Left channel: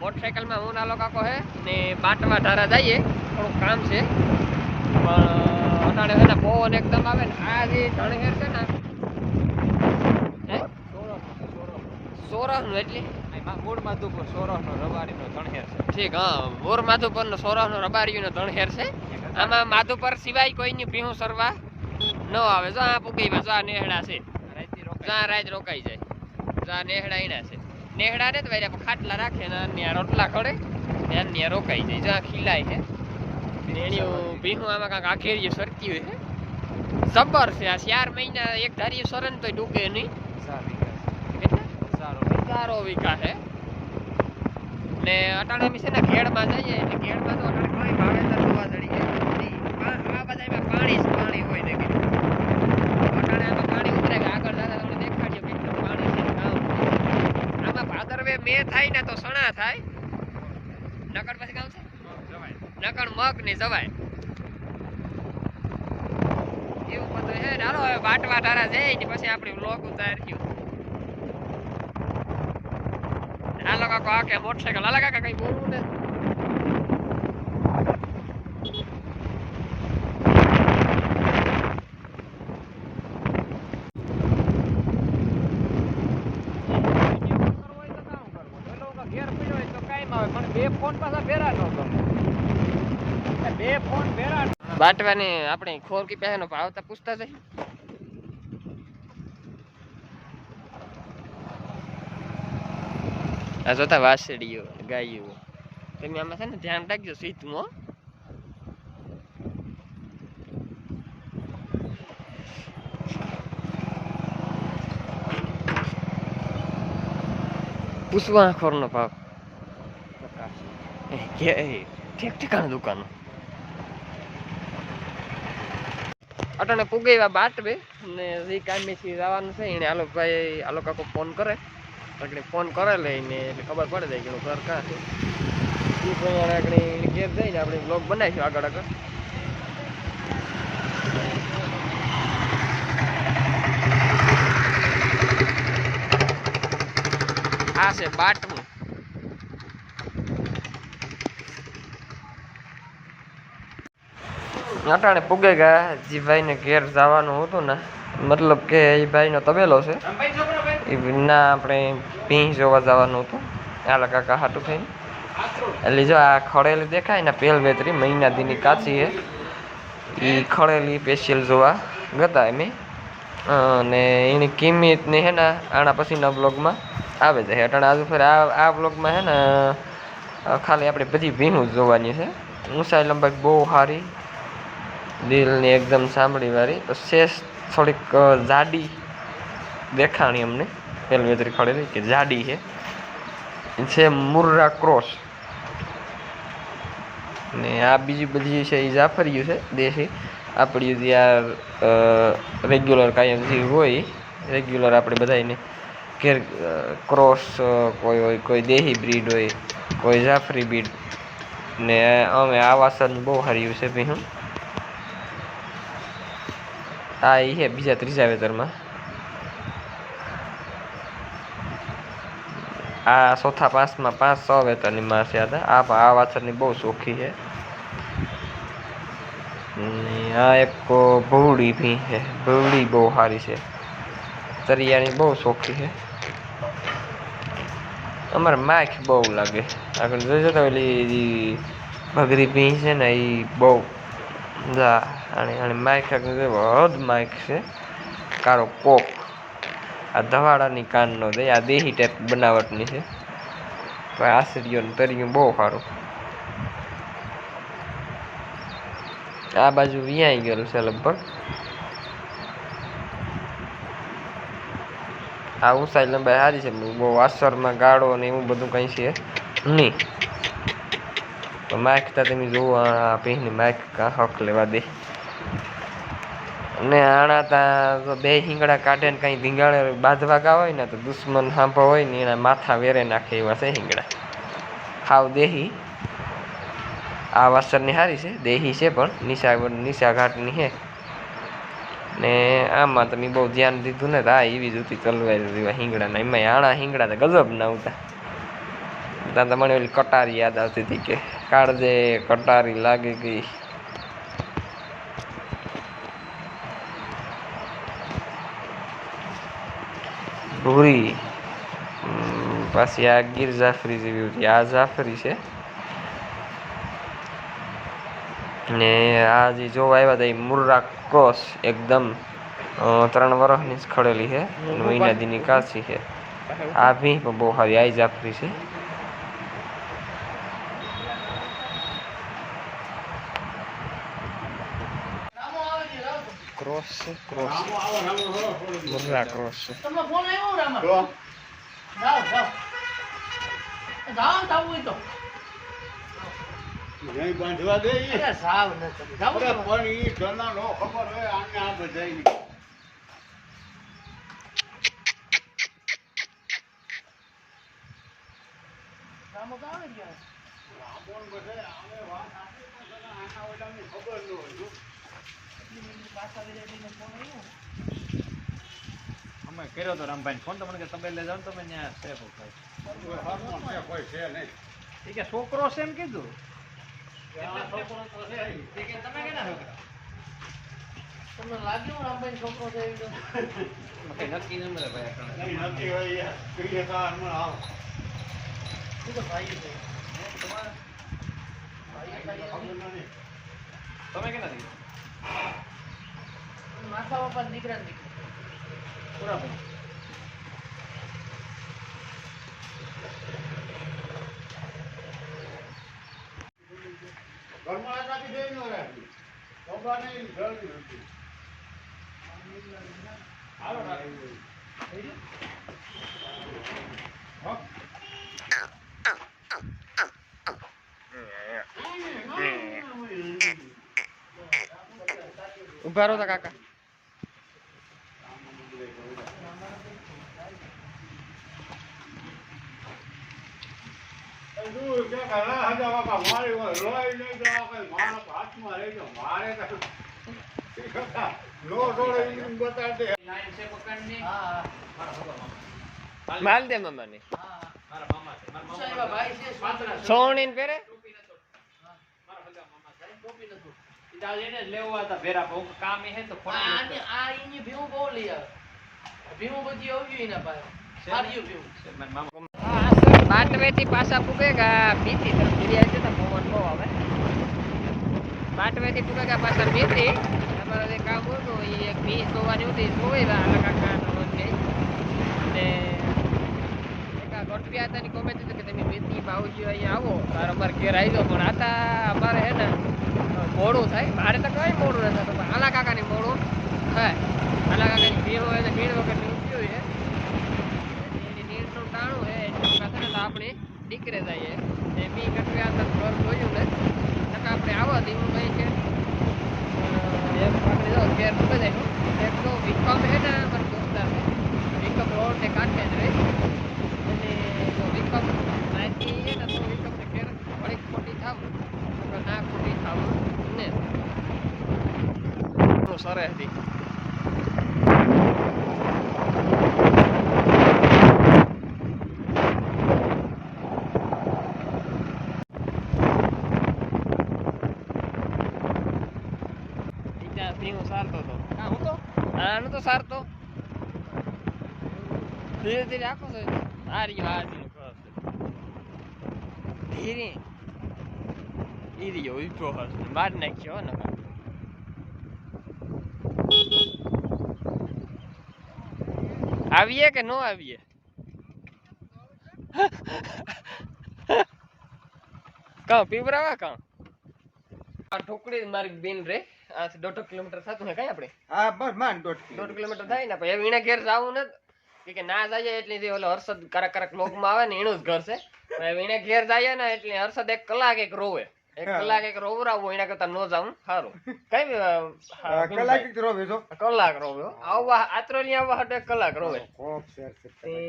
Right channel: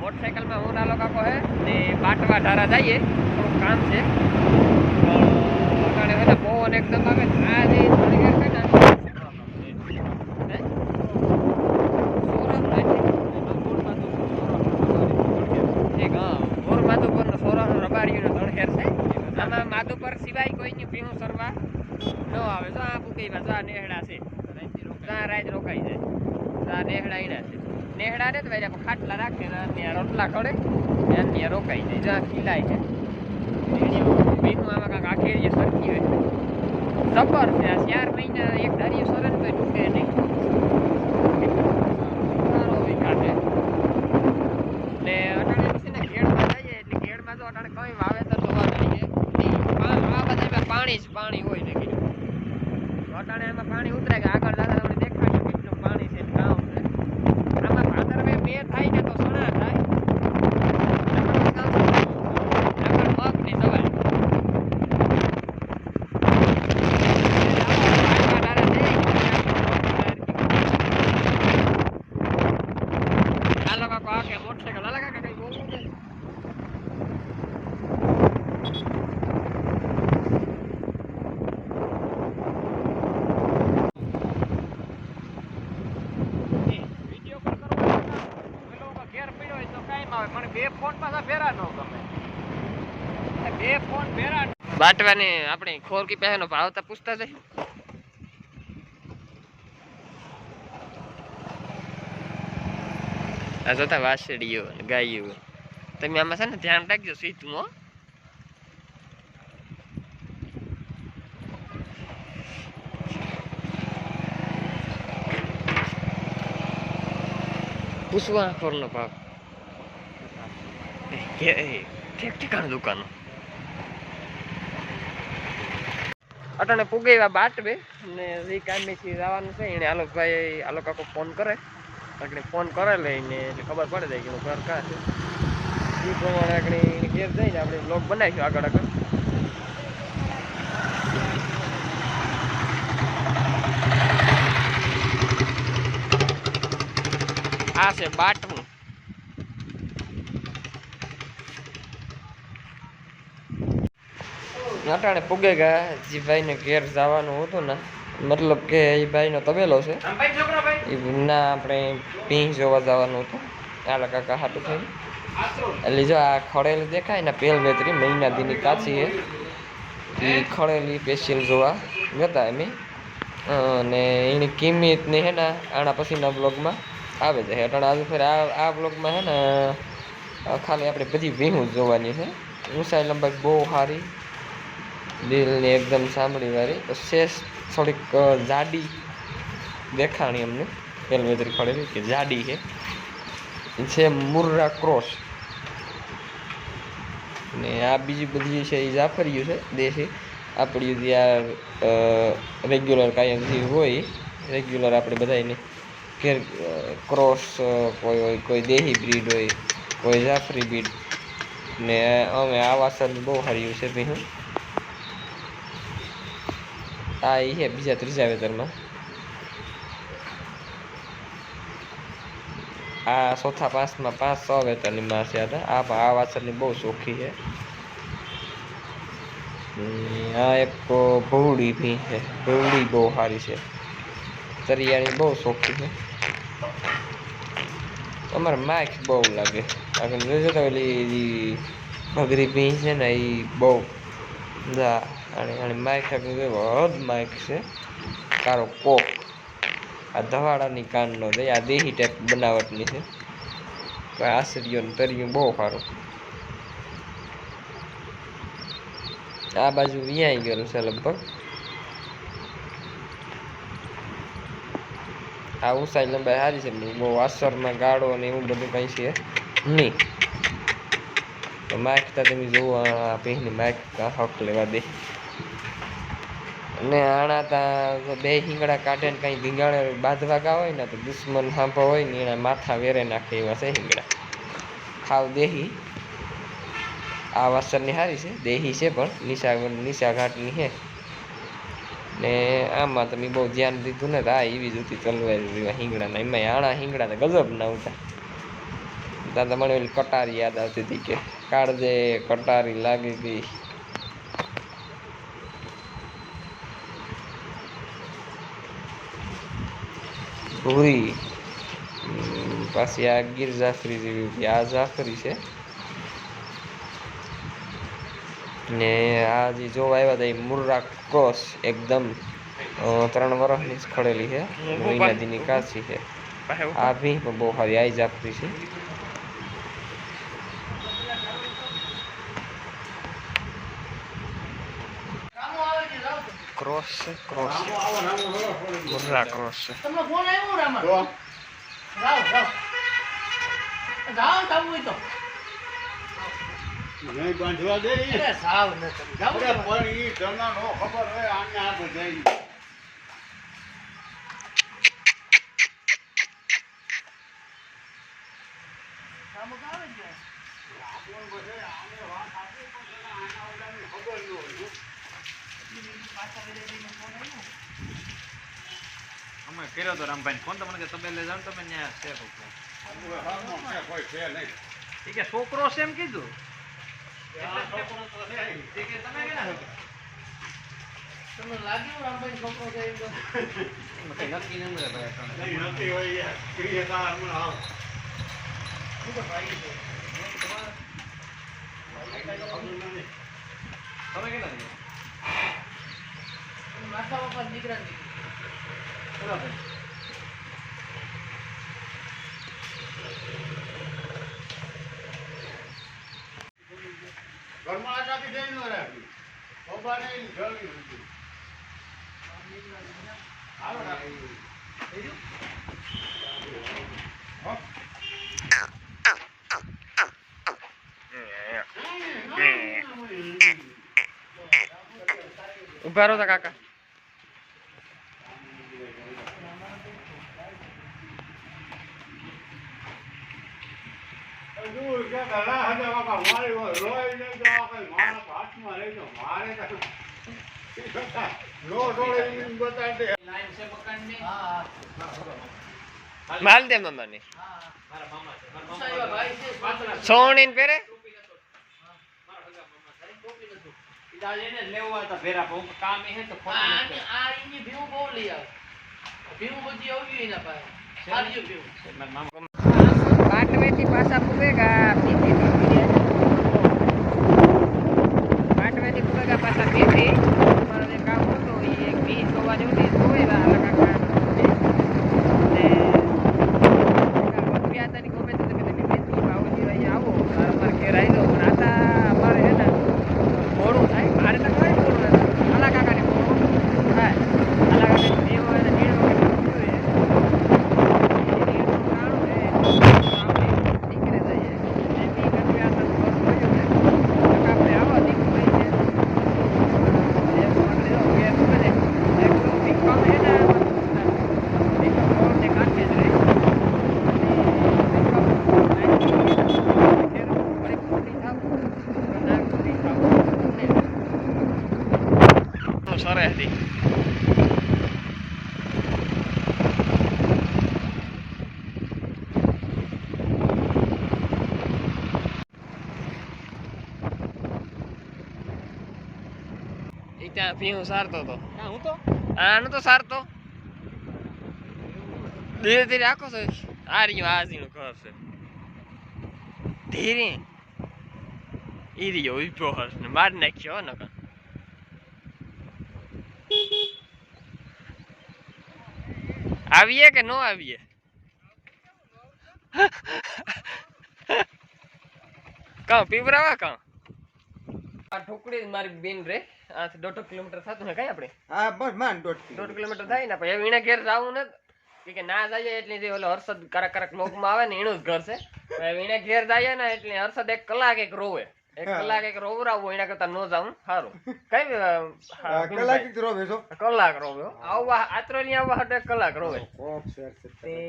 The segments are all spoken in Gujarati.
मोटरसाइकिल में હું નાલો કાકો હે ને બાટવા ધારા જઈએ થોડું કામ છે પણ અટાણે હે ને પવન એકદમ આવે ને આ જે ધણગેર છે ને હે સોરાનો એટલે ઠીક હા બોર માધુપર નો સોરાનો રબારીનો ધણગેર છે આમાં માધુપર સિવાય કોઈની ભીહું સરવા ન આવે જો આ પુકઈમાં જો આ નેહડા છે જા રાત રોકાઈ જાય જા નેહડા ઈના છે નેહડા ને તો ભાઈ ખાટલા રાખે ને ત્યાં રોટલા ખડે ત્યાં રોકાઈ જાય જ્યાં ખીલાય છે ભીહું આમાં કાંક આખેરી સરકી હોય જબર છે આ 4 મહિના એક ધારી સરન તો ડૂબે નહીં સારો વિકાસ છે ને અટાણે બી છે ને ખેડમાં જઈએ એટલે ખેડમાં તો અટાણે કઈ વાવેતર જોવા મળી જાય આ બધા પાણી જ પાણી હોય ને અટાણે આમાં પાણી ઉતરે કે આગળ દાદા તમને દેખાડ્યું કેટલું પાણી છે ગામ આમાં ભાદરવે મે થાય ને તો સણા થાય નકર મગ ને જવાય પાટવા ડારા દે પછી આપણી બ્લોક તૈયાર થયું હાલો કાકો આ કે મોટરસાઇકલ હાલા કાકા કઈ બોલવું ને બાટવાની આપણે ખોરકી પહેનો ભાવતા પૂછતા જઈ આ જોતા વાસળીઓ ગાયો તમે આમાં છે ને ધ્યાન રાખજો સીધું હો પૂછવા ખોરનો ભાવ ઠીક ઠીકાણ દુકાનો અટાણે પુગેવા બાટવે ને જે કામેથી જવાનું છે એને આલોકભાઈ આલો કાકો ફોન કરે એટલે ફોન કરે લઈને એટલે ખબર પડે જાય કે ઘર કાં છે એ પ્રમાણે આપણે ઘેર જઈને આપણે બ્લોગ બનાવીશું આગળ આગળ આ છે બાટવું અટાણે પુગે ગયા જે ભાઈને ઘેર જવાનું હતું ને મતલબ કે એ ભાઈનો તબેલો છે એ ના આપણે ભીં જોવા જવાનું હતું આલા કાકા હાટું થઈને એટલે જો આ ખડેલી દેખાય ને પેલ વેતરી મહિના દીની કાચી હે એ ખડેલી સ્પેશિયલ જોવા ગતા એમ અને એની કિંમત ને હે ને આના પછીના બ્લોગમાં આવે છે અટાણે આજુ ફેર આ બ્લોગમાં હે ને ખાલી આપણે બધી ભીહું જોવાની છે ઊંચાઈ લંબાઈ બહુ સારી દિલની એકદમ સાંભળી વાળી શેષ થોડીક જાડી દેખાણી અમને પેલી વેતરી ખડેલી કે જાડી છે મુર્રા ક્રોસ ને આ બીજી બધી છે એ જાફરિયું છે દેશી આપણી જે આ રેગ્યુલર કાયમ જે હોય રેગ્યુલર આપણે બધાને ઘેર ક્રોસ કોઈ હોય કોઈ દેહી બ્રીડ હોય કોઈ જાફરી બ્રીડ ને અમે આ વાસણ બહુ સારી છે ભીહું આ એ છે બીજા ત્રીજા વેતરમાં આ ચોથા પાંચમાં 5-6 વેતરની માં છે આ વાછરની બહુ ચોખ્ખી છે આ એક ભવડી ભી છે ભવડી બહુ સારી છે તરિયાની બહુ ચોખ્ખી છે અમારે માખ બહુ લાગે આગળ જોઈ જતા ઓલી ભગરી ભી છે ને એ બહુ અને માઇક હદ માઇક છે કારો કોક આ ધવાડાની કાનનો દે આ દેહી ટાઈપ બનાવટની છે આશરીઓ તરિયું બહુ સારું આ બાજુ વિયાઈ ગયેલું છે લગભગ આ ઊંચાઈ લંબાઈ સારી છે બહુ અસરમાં ગાળો ને એવું બધું કંઈ છે નહીં તો માઇક તા તમે જોવો આ પહેની માઇક હક લેવા દે ને આણા તા બે હિંગડા કાઢે ને કઈ ભીંગાણે બાંધવા ગા હોય ને તો દુશ્મન સાંભા હોય ને એના માથા વેરે નાખે એવા છે હિંગડા ખાવ દેહી આ વાસરની સારી છે, દેહી છે પણ નિશા ઘાટની છે. ને આમાં તમે બહુ ધ્યાન દીધું ને આ એવી જ હતી તલવાર હિંગડાના, એમાં આણા હિંગડા તો ગજબ ના ઉતા. ત્યાં તો મને ઓલી કટારી યાદ આવતી હતી કે કાળજે કટારી લાગી ગઈ. ભૂરી પાછી આ ગીર જાફરી જેવી હતી, આ જાફરી છે. ને આ જે જોવા આવ્યા હતા એ મુર્રા ક્રોસ એકદમ 3 વર્ષની જ ખડેલી છે, મહિનાદીની કાચી છે. આ ભી બહુ સારી આઈ જાફરી છે. ક્રોસ છે, ક્રોસ મુર્રા ક્રોસ છે. નહીં બાંધવા દે સાવ નથી પણ ઈ જના નો ખબર હે આને આ બધાઈ કામ આવે છે આપણ બધે આને વાત સાચી પણ જના આના ઓલાની ખબર ન હોય પાછા વિદેશીનો ફોન આવ્યો અમે કર્યો તો રામભાઈ ફોન તો મને તમે લઈ જાવ તમે ન્યા સેફ હતો હા મને કોઈ છે નહીં ઠીક છે છોકરો છે એમ કીધું તમને લાગ્યું રામભાઈ છોકરો છે એમ તો નક્કી નક્કી હોય ક્રિયા હમણાં આવ શું તો ભાઈ છે તમે કેટલા માથા બાપા દીકરા બરાબર ઘરમાં આટાથી દઈ ન રાખી બાબાને જલ્દી હતી હાલો રાખી ઉભા રહો તા કાકા. માલ દે મમ્મા ને સોણી પેરે પાટવેથી પાછા પૂગેગા પાટવેથી પૂગેગા પાછા પીથી અમારો જે કામ હતું એ એક ભીંસ ધોવાની હતી ધોયેલા અલગ આખા ને ગોઠવ્યા હતા ની કોમેન્ટ હતું કે તમે બેથી ભાવજી અહીંયા આવો તારો પર ઘેર આવી જાઓ પણ આતા અમારે હે ને મોડું થાય મારે તો કઈ મોડું નથી પણ આલા કાકાને મોડું થાય આલા કાકાની ભીમ હોય ને નીણ વગર થયું એની નીણનું ટાણું હે આપણે નીકળે જઈએ ને બી ગોઠવ્યા હતા ઘર જોયું ને આપણે આવો દીકું ભાઈ છે એક પકડી દો ઘેર મૂકે જાય એટલો વિકમ હે ને વિકમ રોડ ને કાંઠે જ રહે અને વિકમ ઘેર થોડીક ખોટી થાવ ના ખોટી થાવ ને સરસ હતી. ત્યાં ભીહું સારતો હતો આનું તો સારતો ધીરે ધીરે આખો છે આ રહ્યો હાજીનું ઘર છે ધીરે ઈ રહ્યો ઉભો હશે ને મારી નાખ્યો ને આવીએ કે ન આવીએ કાં પીવરાવા કાં આ ઠોકડી મારી બેન રે આ 1.5 કિલોમીટર થતું હે કઈ આપણે હા બસ માન 1.5 કિલોમીટર થાય ને પછી વીણા ઘેર જાવું ને કે ના જાય એટલે જે ઓલો હર્ષદ કરક લોગમાં આવે ને એનું જ ઘર છે વીણા ઘેર જાય ને એટલે હર્ષદ 1 કલાક એક રોવે એક કલાક એક રોવરાવો એના કરતા ન જાઉં સારું કઈ કલાક રોવે છો કલાક રોવે આવવા આત્રોલી આવવા હાટે એક કલાક રોવે કોક સર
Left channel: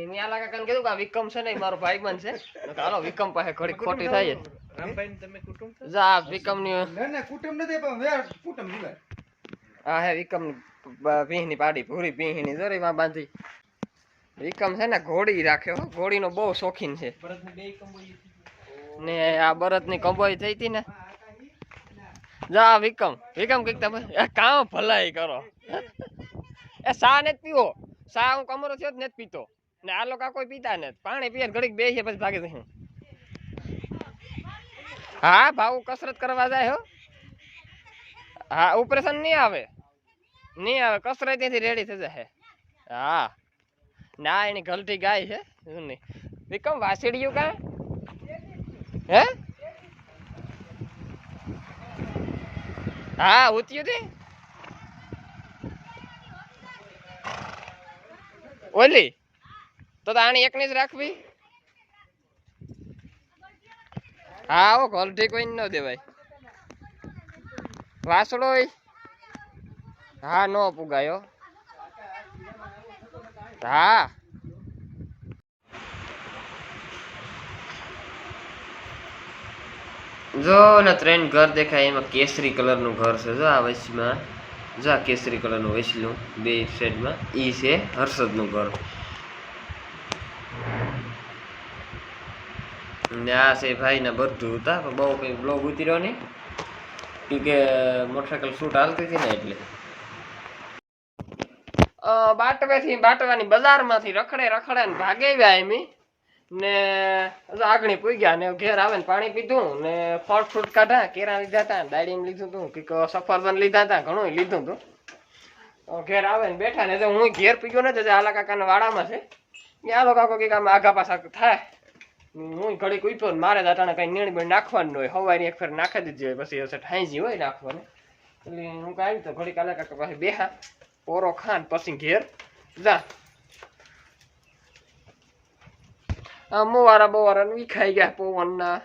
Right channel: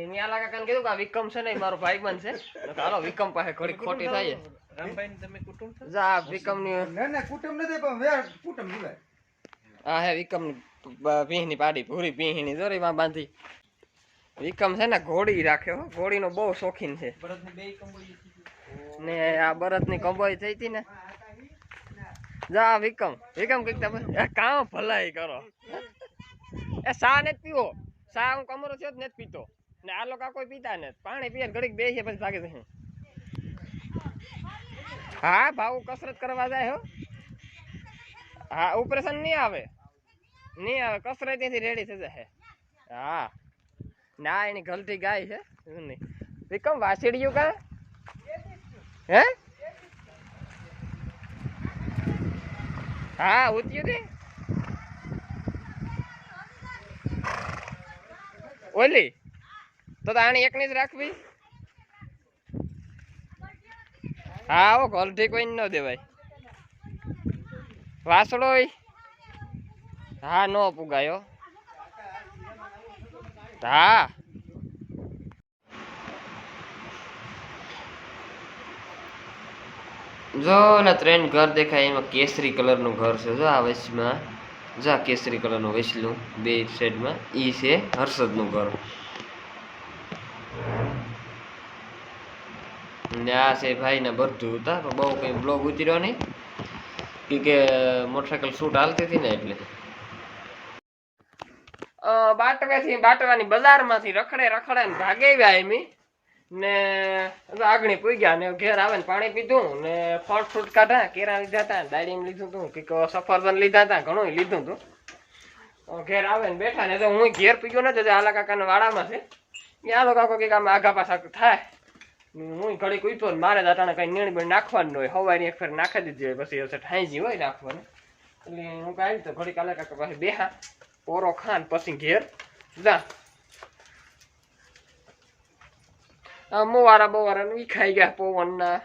મિયા લાગા કાન કીધું કે આ વિક્રમ છે ને મારો ભાઈબંધ છે હાલો વિક્રમ પાસે ઘડી ખોટી થાય રામભાઈ તમે કુટુંબ છો જા વિક્રમ ની ના કુટુંબ નથી પણ વે કુટુંબ જીવાય હા હે વિક્રમ પીહની પાડી પૂરી પીહની જોરી માં બાંધી વિક્રમ છે ને ઘોડી રાખ્યો ઘોડીનો બહુ શોખીન છે ને આ બરતની કંબોઈ થઈ હતી ને જા વિક્રમ કઈક તમે કામ ભલાઈ કરો એ સા નથી પીવો સા હું કમરો થયો જ નથી પીતો ને આ લોકો કોઈ પીતા નથી પાણી પીએ ઘડીક બેસીએ પછી ભાગી જશે હા ભાવ કસરત કરવા જાય હો હા ઓપરેશન નહીં આવે કસરત ત્યાંથી રેડી થઈ જશે હા ના એની ગલતી ગાય છે નહીં વિક્રમ વાસીડિયું કા હે હા ઉત્યું તે ઓલી તો આની એકની જ રાખવી હા ઓ ગલતી કોઈ ન દેવાય વાસડો હા નો પુગાયો હા જો ને ત્રણ ઘર દેખાય એમાં કેસરી કલર નું ઘર છે જો આ વચમાં જો આ કેસરી કલર નું વચલું બે સાઈડમાં ઈ છે હર્ષદ નું ઘર ને આ છે ભાઈ ના બધું હતા પણ બહુ કઈ બ્લોગ ઉતર્યો નહીં કે મોટરસાયકલ શૂટ હાલતી હતી ને એટલે બાટવાની બજારમાંથી રખડે ને ભાગે આવ્યા એમી ને આગણી પૂગ્યા ને ઘેર આવે ને પાણી પીધું ને ફળ ફ્રૂટ કાઢા કેરા લીધા હતા ડાળીમ લીધું હતું કે સફરજન લીધા હતા ઘણું લીધું હતું ઘેર આવે ને બેઠા ને હું ઘેર પીગયો નથી આલા કાકાના વાડામાં છે આલો કાકો કે આમ આગા પાછા થાય હું ઘડી કૂપ્યો ને મારે દાટાને કઈ નીણ નાખવાનું હોય હવારી એક ફેર નાખી દીધી હોય પછી ઠાઈજી હોય નાખવાનું એટલે હું કઈ તો ઘડી કાલે કાકા પાસે બેહા પોરો ખાન પછી ઘેર જા મોવારા બોવારા વી ખાઈ ગયા પવનના